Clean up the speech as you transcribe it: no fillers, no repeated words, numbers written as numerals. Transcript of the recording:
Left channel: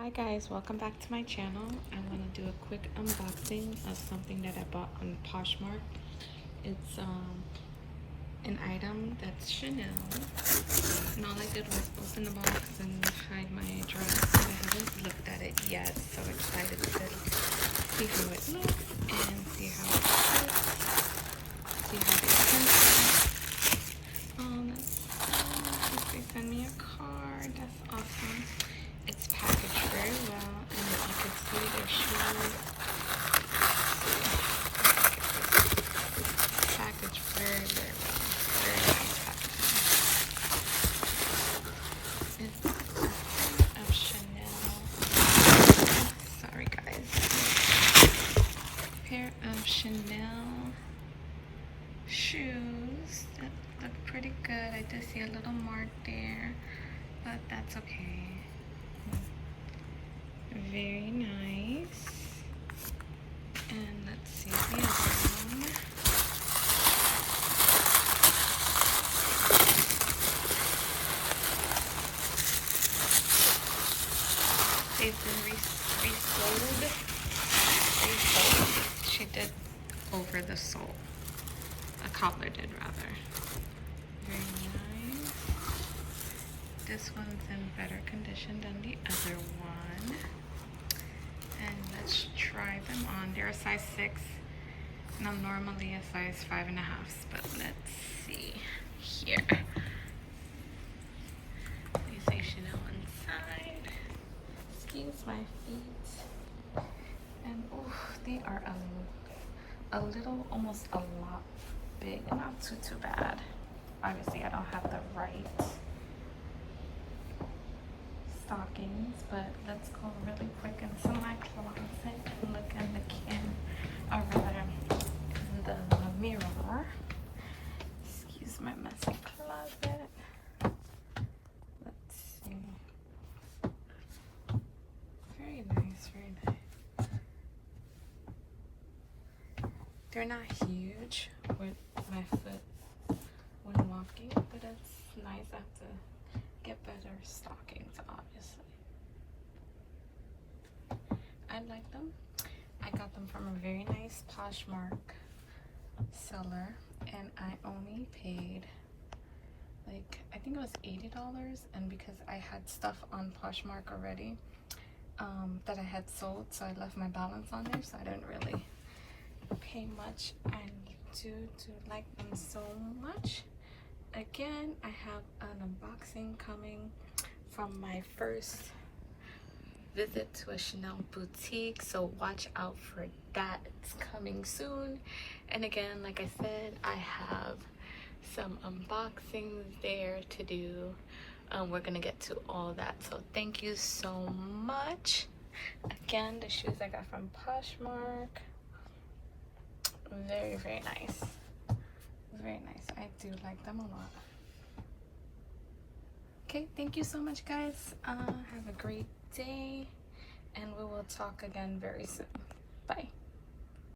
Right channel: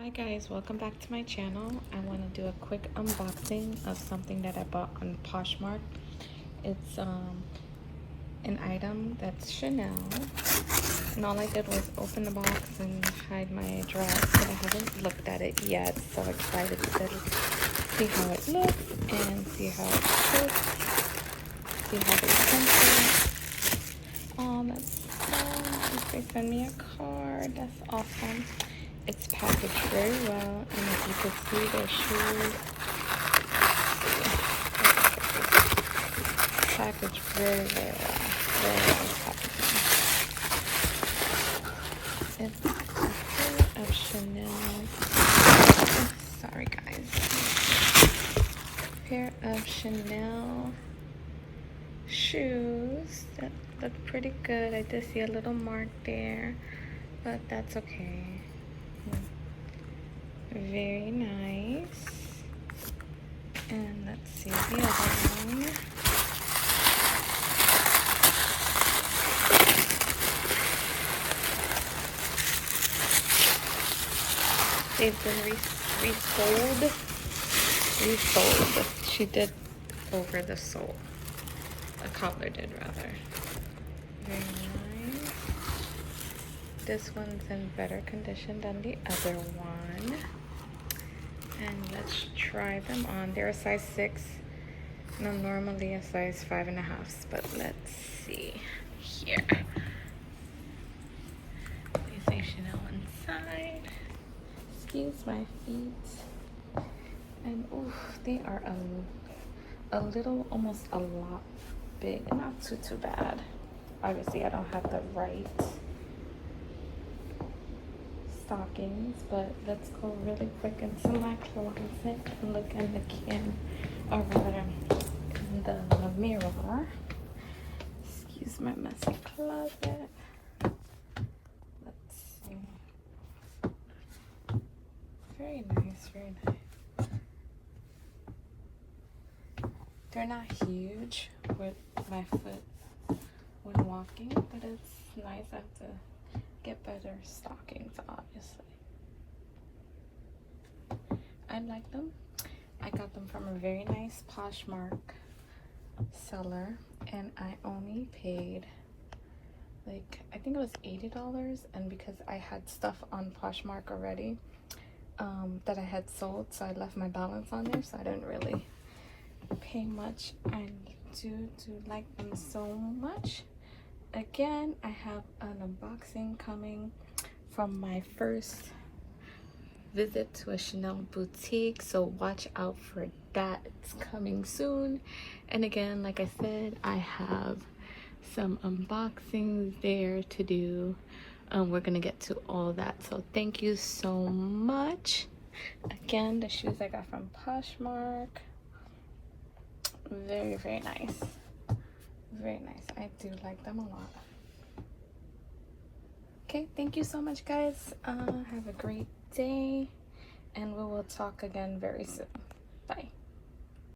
Hi guys, welcome back to my channel. I want to do a quick unboxing of something that I bought on Poshmark. It's an item that's Chanel, and all I did was open the box and hide my address, but I haven't looked at it yet. So excited to see how it looks and see how it fits, see how they sent it. They send me a card. That's awesome. It's packaged very well, and as you can see, their shoes packaged very, very well. Very nice packaging. It's a pair of Chanel. Sorry, guys. A pair of Chanel shoes that look pretty good. I did see a little mark there, but that's okay. Very nice. And let's see the other one. They've been resold. She did over the sole. A cobbler did, rather. Very nice. This one's in better condition than the other one. And let's try them on. They're a size 6, and I'm normally a size 5.5, but let's see here. They say Chanel inside. Excuse my feet. And oof, they are a little, almost a lot big. Not too bad. Obviously, I don't have the right stockings, but let's go really quick into my closet and look in the mirror. Excuse my messy closet. Let's see. Very nice, very nice. They're not huge with my foot when walking, but it's nice. I have to get better stockings, obviously. I like them. I got them from a very nice Poshmark seller, and I only paid, like, I think it was $80, and because I had stuff on Poshmark already that I had sold, so I left my balance on there, so I didn't really pay much. I do like them so much. Again, I have an unboxing coming from my first visit to a Chanel boutique, so watch out for that. It's coming soon. And again, like I said, I have some unboxings there to do. We're gonna get to all that, so thank you so much. Again, the shoes I got from Poshmark, very, very nice. Very nice. I do like them a lot. Okay, thank you so much, guys. Have a great day, and we will talk again very soon. Bye.